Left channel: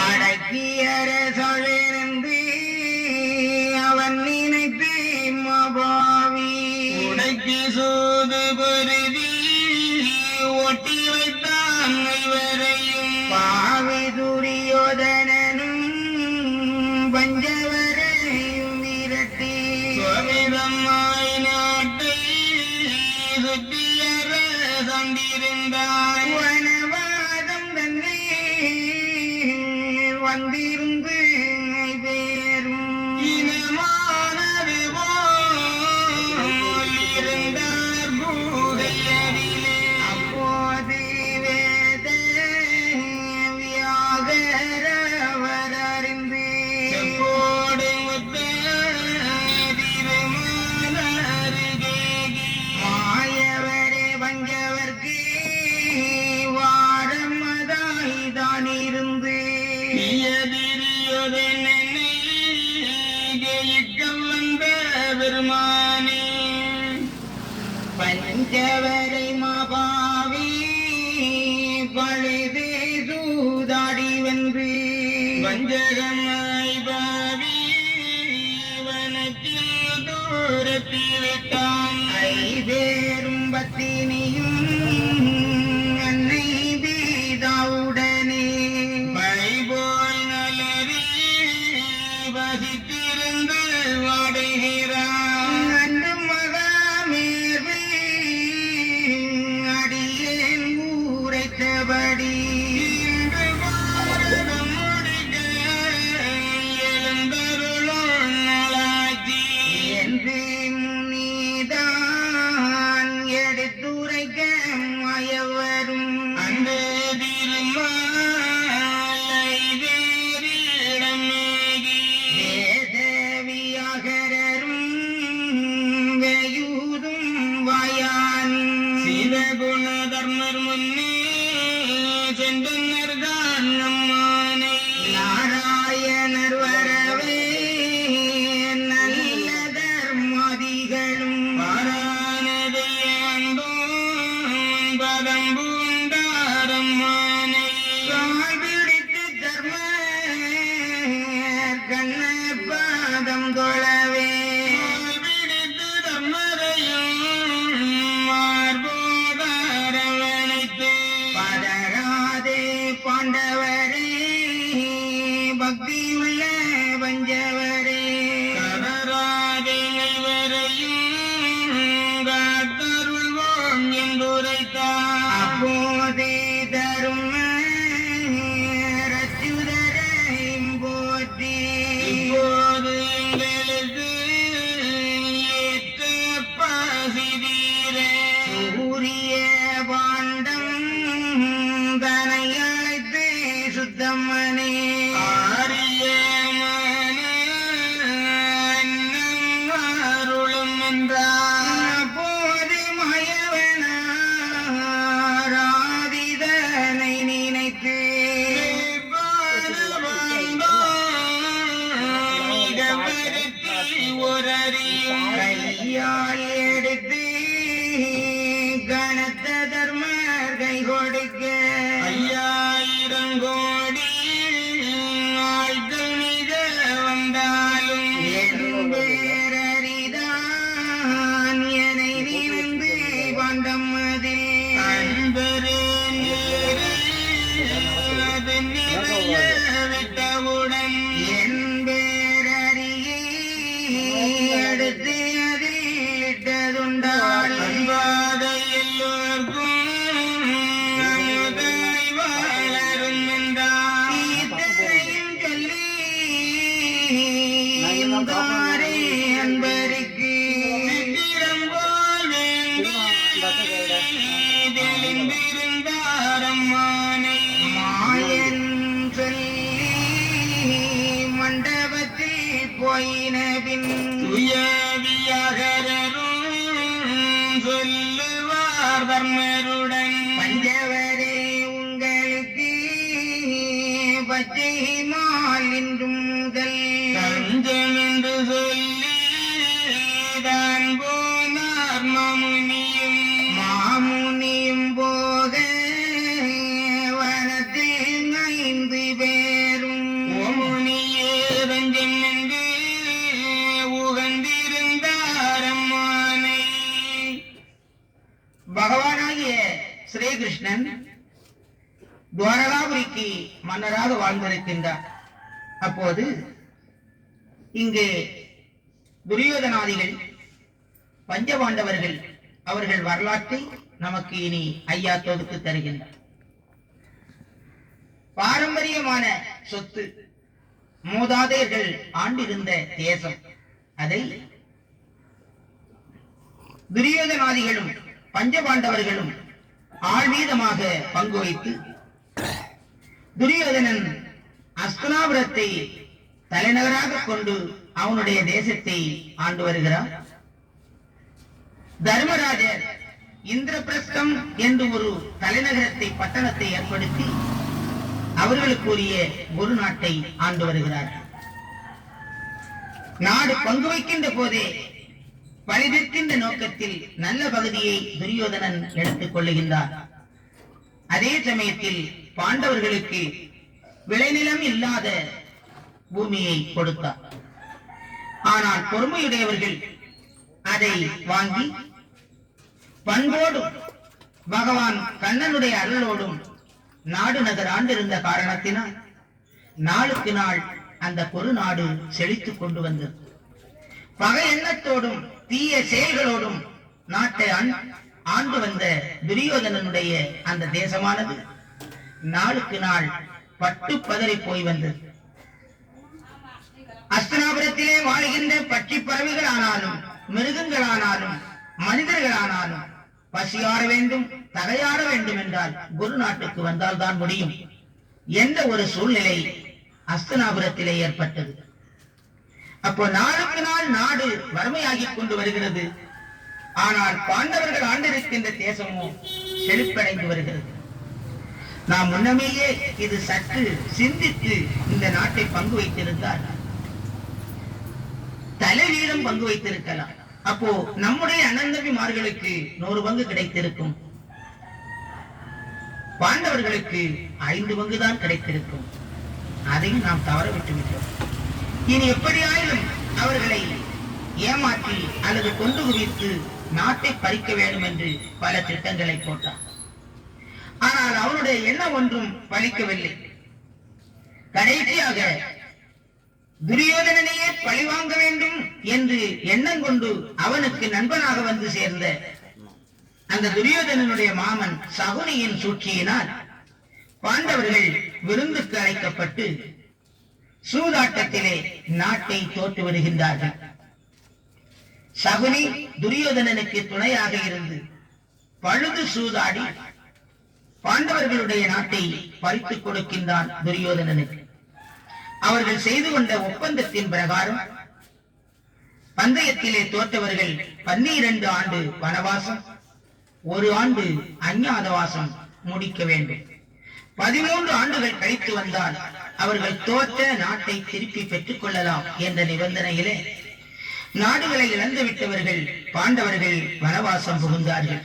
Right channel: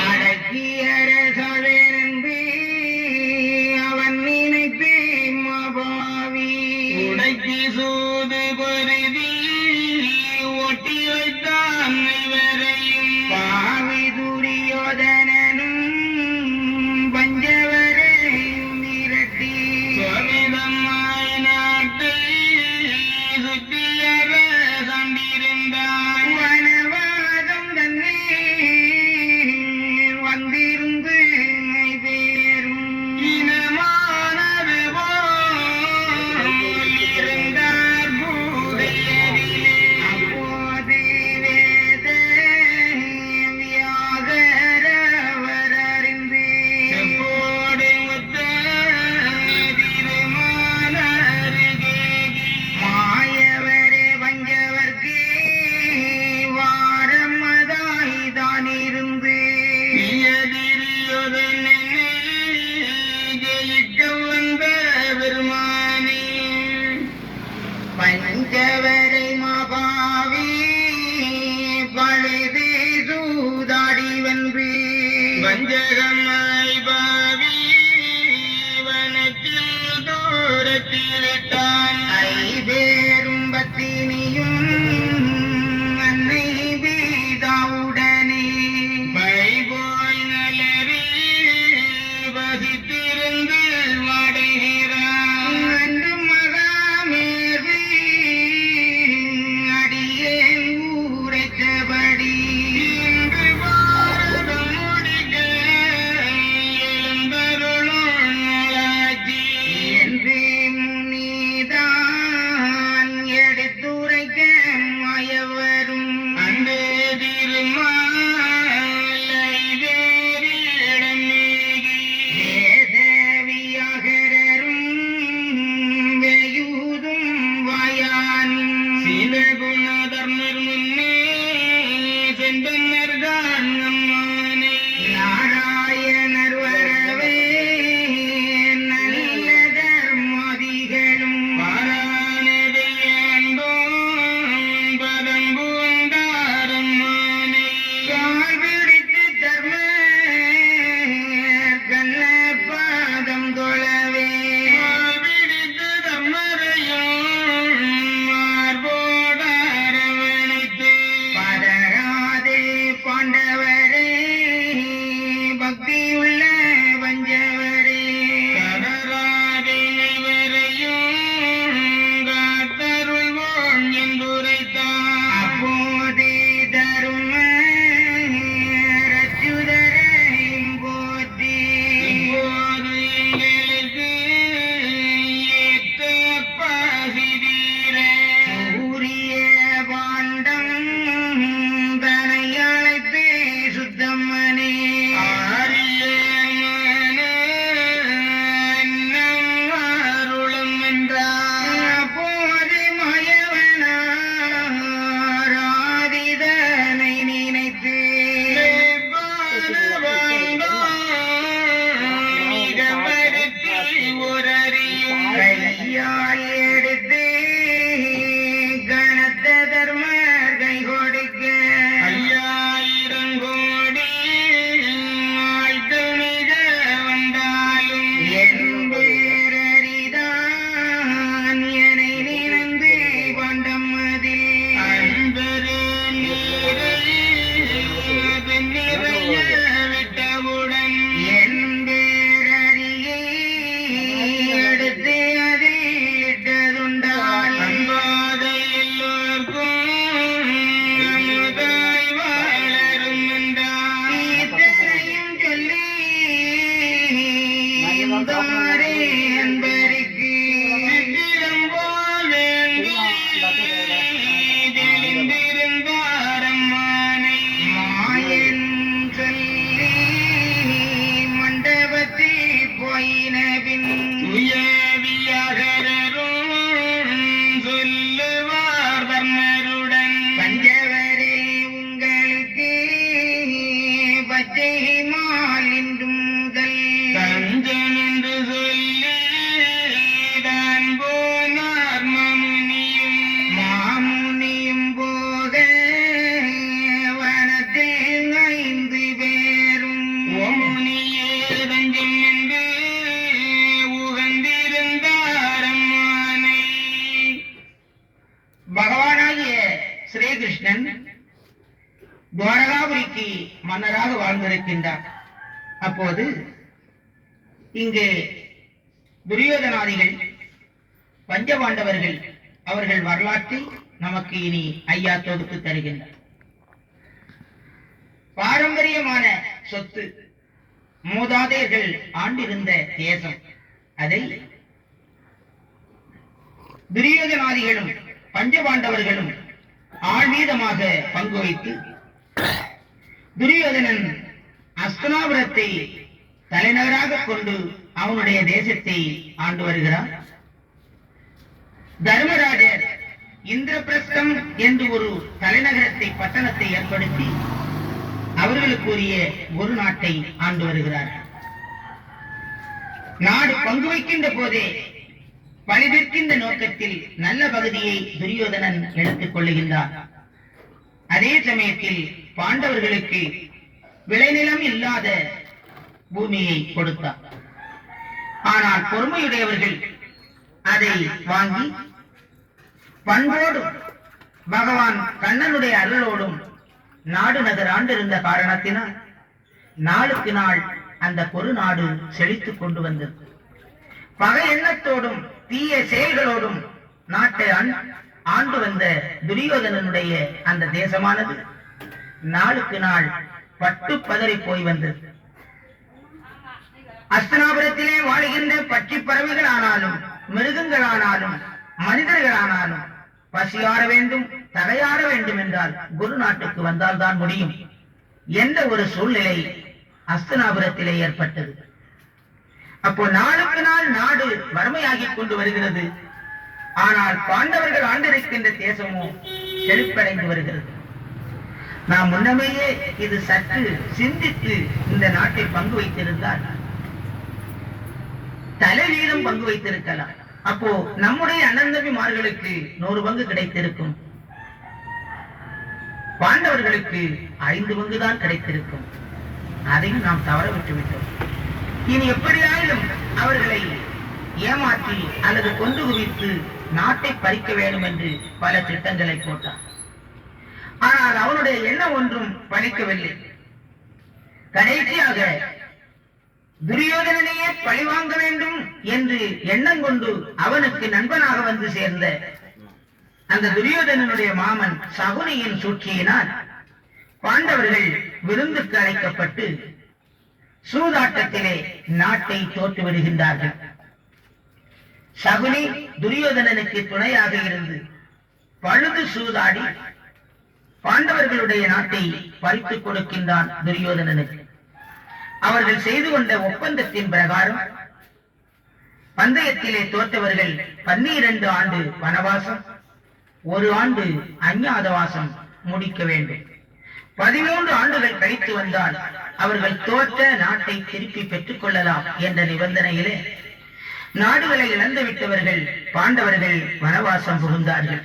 அடக்கியர சொல்லிருந்து அவன் நினைத்து மபாவி உடைக்கு சூது பொருதி ஒட்டி வைத்தான் இவரையும் பாவி துரியோதனனும் பஞ்சவரையும் விரட்டி சுவாமிதம்மாய் நாட்டை சுற்றியற சந்திருந்தான் வனவாதம் தன்னே வந்திருந்து பேரும் இனமானது போல் இருந்தார் பூதையரிலே அப்போது வேத வியாகரவர் அறிந்து செப்போடு முத்த திருமாலருகேகி மாயவரே பஞ்சவர்க்கு வாரமதாய் தான் இருந்து ஜெயிக்க வந்த பெருமானே பஞ்சவரை மாபாவி பழுது சூதாடி வென்று வஞ்சகமாய் பாவி வனத்தில் தூரத்திலிட்டான் ஐவேரும் பத்தினியும் அன்னை பீதாவுடனே பைபோய் நலரி வசித்திருந்து வாடுகிறான் அன்று மகாமேவி அடியேன் ஊரைத்தபடி இன்று பாரதம் முடிக்க எழுந்தருளும் நலாஜி என்று முனிதான் எடுத்துரைக்க மாயவரும் அந்த திருமாலை வேறிடம் நீகி வேதவியாகரரும் வேயூதும் வாயானும் சில குண தர்மர் முன்னே சென்றனர்தான் நம்மானை நாராயணர் வரவே நல்ல தர்மாதிகளும் பாரானதை ஆண்டோம் பதம் பூண்டாரம்மானை கால் பிடித்து தர்ம கண்ண பாதம் தொழவே கால் பிடித்து தர்மரையும் மார்போடாரவணைத்து பதராதே பாண்டவரே பக்தியுள்ள பஞ்சவரே கடராதே இவரையும் காத்தருள்வோம் என்றுரைத்தான் அப்போதே தரும ரச்சுதரையும் போற்றி இப்போது எங்களுக்கு ஏற்ற பாசிதீர சூரிய பாண்டம் தனை அழைத்து சுத்தம்மனே அருளும் என்றார் அப்போது மயவனாராதிதனை நினைத்து மிக பருத்தி ஒரறியும் கையால் எடுத்து கனத்த தர்மர் கை கொடுக்க 5000 கோடி ஆய்தல் மிக வந்தாலும் என் பேரறிதான் என்னை நினைந்து பண்டம் அதில் அன்பரே நீரை அது நிறைய விட்டவுடன் என் பேரறியை எடுத்து அதில் இட்டதுண்டால் அன்பாதை எல்லோர்க்கும் அமுதாய் வாழரும் என்றார் இத்தனையும் சொல்லி இந்தாரே அன்பருக்கு சித்திரம் போல் வேண்டி தெளிந்திருந்தாரம்மானை மாயன் சொல்லி மண்டபத்தில் போயின பின் சுயவியாகரரும் சொல்லுவார் தர்மருடன் பஞ்சவரே உங்களுக்கு பச்சை மால் என்றும் முதல் தஞ்சம் என்று சொல்லி தான் போனார் மாமுனியும் போக வனத்தில் பகவானாகிய ஸ்ரீகிருஷ்ணன் துவாரகாபுரிக்கு மன்னராக வாழ்ந்திருக்கின்றார். அப்போது இங்கே துரியோதனாதிகள் பஞ்சபாண்டவர்கள் அவர்கள் வரலாற்றை நமக்கு இனி ஐயா தொகுத்து தருகின்றார். பாரம்பரியமான சொத்து, மூதாதையர்கள் ஆண்டிருந்த தேசம், அதை துரியோதனாதிகளும் பஞ்சபாண்டவர்களும் ஆழ்வீதமாக பங்கு வைத்து துரியோதனன் அஸ்தினாபுரத்தை தலைநகராக கொண்டு அவனுடைய தேசத்தை ஆண்டு வருகிறான். தர்மராஜர் இந்திரபிரஸ்தம் என்று ஒரு தலைநகரத்தை பட்டணத்தை ஏற்படுத்தி அவர்களுக்குரிய ஒரு நாட்டை ஆண்டு வருகிறார்கள். நாடு பங்கு வைக்கின்ற போதே பழிதீர்க்கின்ற நோக்கத்தில் நல்ல பகுதியை துரியோதனன் எடுத்துக் கொள்ளுகின்றார். அதே சமயத்தில் பாண்டவர்களுக்கு விளைநிலம் இல்லாத பூமியை கொடுத்தார். ஆனால் பொறுமையுடையவர்கள் அதை வாங்கி பண்போடும் பகவான் கண்ணனுடைய அருளோடும் நாடு நகர் ஆண்டிருந்த காரணத்தினால் நாளுக்கு நாள் அந்த பொறு நாடு செழித்துக் கொண்டு வந்தது. பகை எண்ணத்தோடும் தீய செயல்களோடும் நாட்டை ஆண்டு வந்த துரியோதனனுடைய அந்த தேசமானது நாளுக்கு நாள் பட்டு பதறி போய் வந்தது. அஸ்தினாபுரத்திலே வாழ்கின்ற பட்சி பறவைகளானாலும் மிருகங்களானாலும் மனிதர்களானாலும் பசியாற வேண்டும், தகையாற வேண்டும் என்றால் குரு நாட்டுக்கு வந்தால் தான் முடியும் என்ற ஒரு சூழ்நிலை அஸ்தினாபுரத்திலே ஏற்பட்டது. அப்போ நாளுக்கு நாள் நாடு வறுமையாகிக் கொண்டு வருகிறது. ஆனால் பாண்டவர்கள் ஆண்டிருக்கின்ற தேசமோ செழிப்படைந்து வருகிறது. நாம் முன்னமேயே இது சற்று சிந்தித்து இந்த நாட்டை பங்கு வைத்திருந்தால் தலைவீதம் பங்கு வைத்திருக்கலாம். அப்போ நம்முடைய அனந்தபிமார்களுக்கு 100 பங்கு கிடைத்திருக்கும், பாண்டவர்களுக்கு 5 பங்கு தான் கிடைத்திருக்கும். அதையும் நாம் தவற விட்டு விட்டோம். இனி எப்படியாயிலும் அவர்களை ஏமாற்றி அல்லது கொண்டு குவித்து நாட்டை பறிக்க வேண்டும் என்று பல திட்டங்களை போட்டான். ஆனால் அவனுடைய எண்ணம் ஒன்றும் பலிக்கவில்லை. கடைசியாக துரியோதனனையே பழிவாங்க வேண்டும் என்று எண்ணம் கொண்டு அவனுக்கு நண்பனாக வந்து சேர்ந்த அந்த துரியோதனனுடைய மாமன் சகுனியின் சூழ்ச்சியினால் பாண்டவர்கள் விருந்துக்கு அழைக்கப்பட்டு சூதாட்டத்திலே நாட்டை தோற்று வருகின்றார்கள். சகுனி துரியோதனனுக்கு துணையாக இருந்து பழுது சூதாடி பாண்டவர்களுடைய நாட்டை பறித்துக் கொடுக்கின்றான் துரியோதனனுக்கு. அவர்கள் செய்து கொண்ட ஒப்பந்தத்தின் பிரகாரம் பந்தயத்திலே தோற்றவர்கள் 12 ஆண்டு வனவாசம், 1 ஆண்டு அஞ்ஞாதவாசம் முடிக்க வேண்டும். 13 ஆண்டுகள் கழித்து வந்தால் அவர்கள் தோற்ற நாட்டை திருப்பி பெற்றுக் கொள்ளலாம் என்ற நிபந்தனையிலே நாடுகளை இழந்து விட்டவர்கள் பாண்டவர்கள் வனவாசம் புகுந்தார்கள்.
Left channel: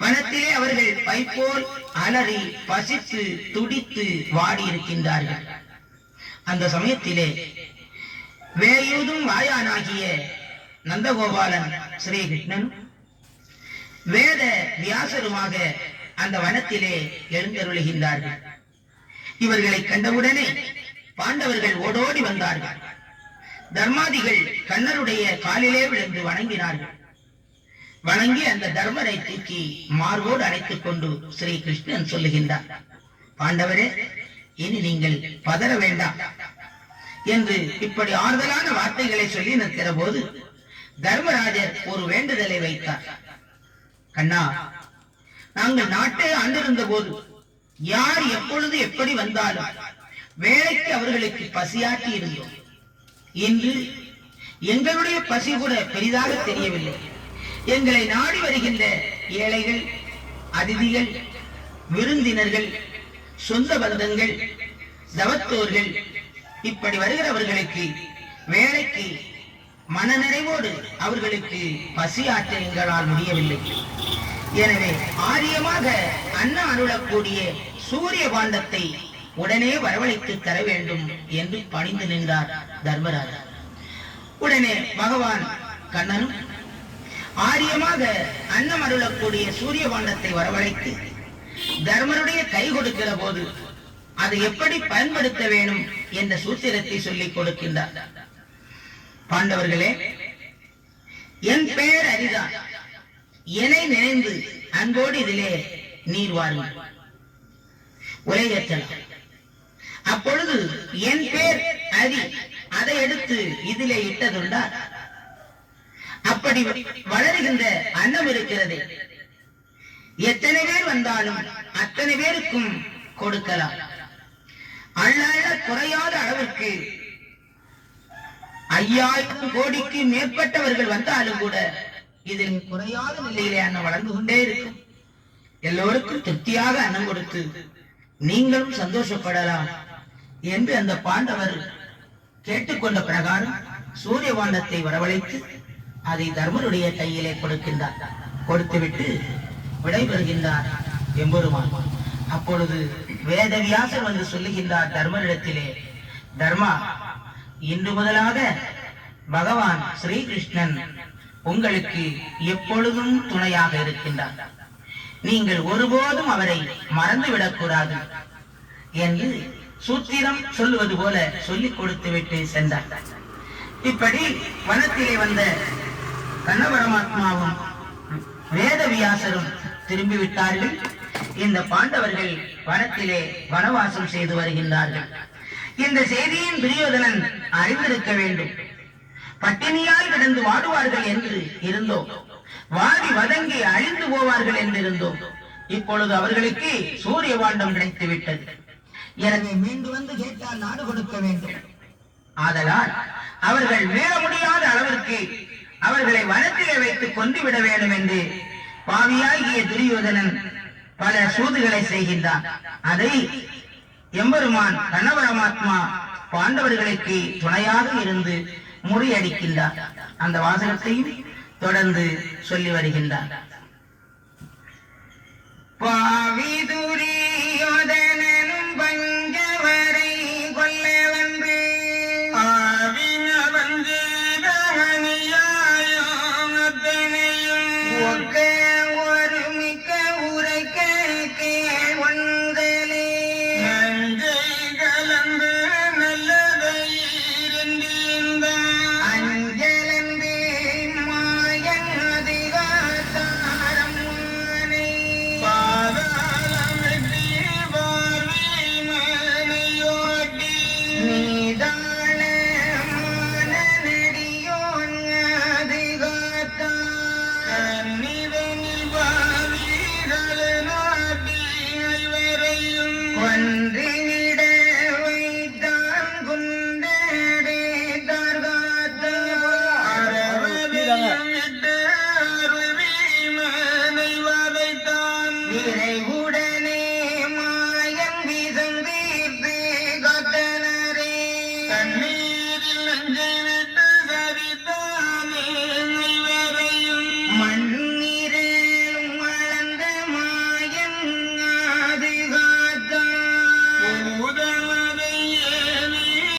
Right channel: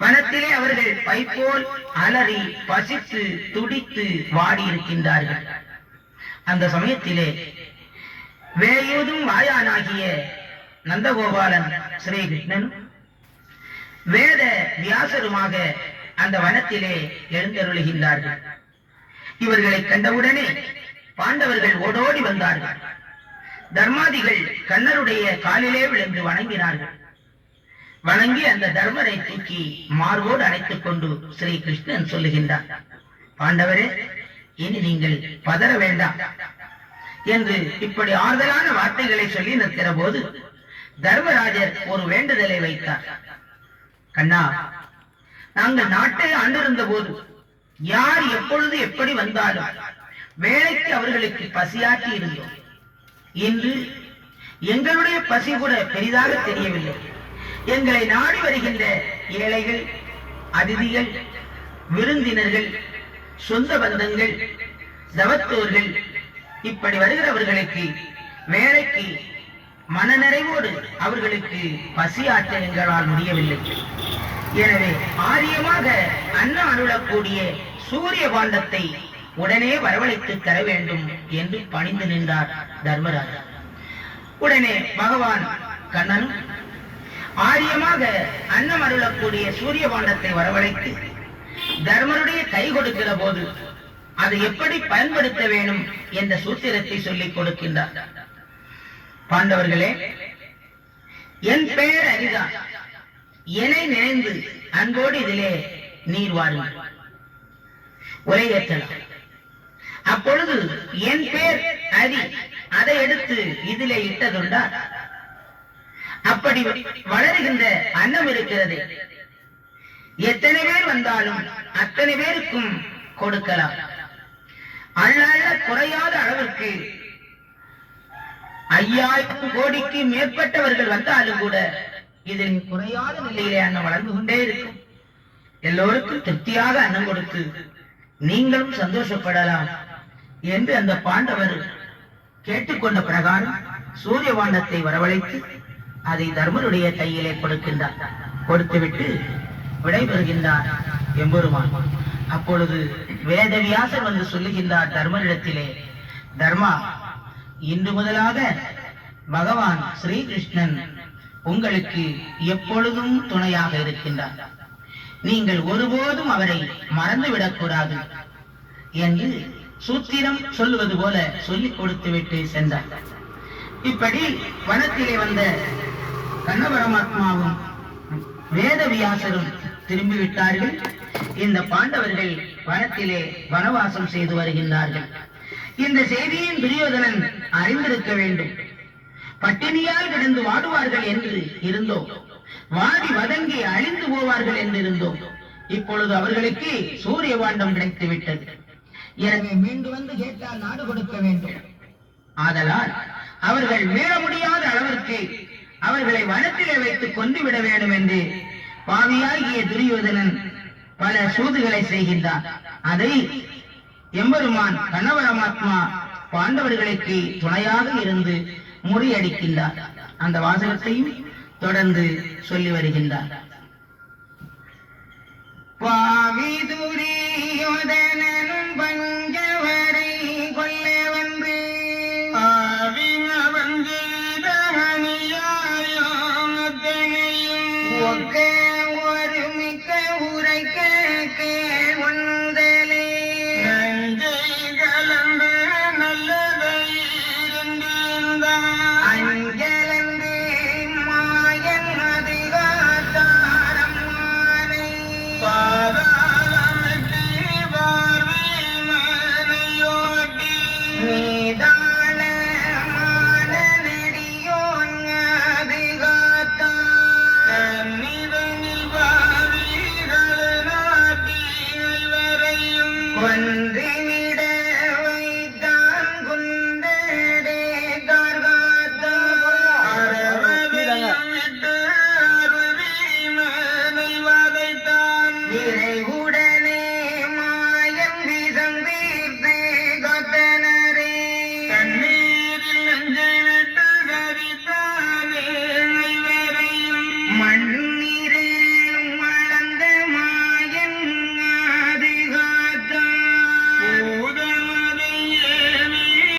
வனத்திலே அவர்கள் பைப்போல் அலறி பசித்து துடித்து வாடி இருக்கின்றார்கள். அந்த சமயத்திலே வேயூதும் வாயானாகிய நந்தகோபாலன் ஸ்ரீகிருஷ்ணன் வேத வியாசருமாக அந்த வனத்திலே எழுந்தருளுகின்றார்கள். இவர்களை கண்டவுடனே பாண்டவர்கள் ஓடோடி வந்தார்கள். தர்மாதிகள் கண்ணருடைய காலிலே விழுந்து வணங்கினார்கள். வணங்கி அந்த தர்மரை தூக்கி மார்போடு அணைத்துக் கொண்டு ஸ்ரீ கிருஷ்ணன் சொல்லுகின்றார், பாண்டவரே, இனி நீங்கள் பதற வேண்டாம் என்று இப்படி ஆறுதலான வார்த்தைகளை சொல்லி நிற்கிற போது தர்மராஜர் ஒரு வேண்டுதலை வைத்தார். கண்ணா, நாங்கள் நாட்டை ஆண்டிருந்த போது யார் எப்பொழுது எப்படி வந்தாலும் வேலைக்கு அவர்களுக்கு பசியாற்றி இருந்தோம். இன்று எங்களுடைய பசி கூட பெரிதாக தெரியவில்லை. எங்களை நாடி வருகின்ற ஏழைகள், அதிதிகள், விருந்தினர்கள், சொந்த பந்தங்கள், தவத்தோர்கள், இப்படி வருகிறவர்களுக்கு வேலைக்கு மனநிறைவோடு அவர்களுக்கு பசியாற்ற எங்களால் முடியவில்லை. எனவே ஆரியமாக அன்ன அருளக்கூடிய சூரிய பாண்டத்தை உடனே வரவழைத்து தர வேண்டும் என்று பணிந்து நின்றார் தர்மராஜா. உடனே பகவான் கண்ணனும் ஆரியமாக அன்னம் அருளக்கூடிய சூரிய பாண்டத்தை வரவழைத்து தர்மருடைய கை கொடுக்கிற போது அதை எப்படி பயன்படுத்த வேண்டும் என்ற சூத்திரத்தை சொல்லிக் கொடுக்கின்றார். பாண்டவர்களே, என் பெயர் அரிதா, என்னை நினைந்து அன்போடு இதிலே நீர் வாருங்கள், உரையேற்றலாம். அப்பொழுது என் பேர் அரி, அதை எடுத்து இதிலே இட்டதுண்டா? அப்படி வளருகின்ற அன்னம் இருக்கிறது, எத்தனை பேர் வந்தாலும் அத்தனை பேருக்கும் கொடுக்கலாம். அல்லாத குறையாத அளவிற்கு 5000 கோடிக்கு மேற்பட்டவர்கள் வந்தாலும் கூட இதில் குறையாத நிலையிலே அன்னம் வளர்ந்து கொண்டே இருக்கும். எல்லோருக்கும் திருப்தியாக அன்னம் கொடுத்து நீங்களும் சந்தோஷப்படலாம் என்று அந்த பாண்டவர் கேட்டுக்கொண்ட பிரகாரம் சூரிய பாண்டத்தை வரவழைத்து அதை தர்மருடைய கையிலே கொடுக்கின்றார். கொடுத்துவிட்டு விடைபெறுகின்றார் எம்பெருமான். அப்பொழுது வேதவியாசர் வந்து சொல்லுகின்றார் தர்மரிடத்திலே, தர்மா, இன்று முதலாக பகவான் ஸ்ரீகிருஷ்ணன் உங்களுக்கு எப்பொழுதும் துணையாக இருக்கின்றார். நீங்கள் ஒருபோதும் அவரை மறந்துவிடக் கூடாது என்று சூத்திரம் சொல்லுவது போல சொல்லிக் கொடுத்து விட்டு சென்றார். இப்படி வனத்திலே வந்த கண்ணபரமாத்மாவும் வேதவியாசரும் திரும்பிவிட்டார்கள். இந்த பாண்டவர்கள் வனத்திலே வனவாசம் செய்து வருகின்றார்கள். இந்த செய்தியின் துரியோதனன் அறிந்திருக்க வேண்டும். பட்டினியால் கிடந்து வாடுவார்கள் என்று இருந்தோம், வாடி வதங்கி அழிந்து போவார்கள் என்று இருந்தோம். இப்பொழுது அவர்களுக்கு சூரிய பாண்டம் கிடைத்து விட்டது. எனவே மீண்டு வந்து கேட்டால் நாடு கொடுக்க வேண்டும். ஆதலால் அவர்கள் மீள முடியாத அளவிற்கு அவர்களை வனத்திலே வைத்து கொண்டுவிட வேண்டும் என்று பாவியாகிய துரியோதனன் பல சூதுகளை செய்கின்றான். அதை எம்பெருமான் கண்ணபரமாத்மா பாண்டவர்களுக்கு துணையாக இருந்து முறியடிக்கின்றார். அந்த வாசகத்தையும் தொடர்ந்து சொல்லி வருகின்றார். பாவி துரியோதனனும் பஞ்சவரை கொல்ல வந்து ஒக்க ஒரு மிக்க உரைக்க கேள்வந்தலே நஞ்சை கலந்து நல்லதை அஞ்சலந்து மாயன் அதிகாரம் நீதான நெடியோன் அதிகாத்தான்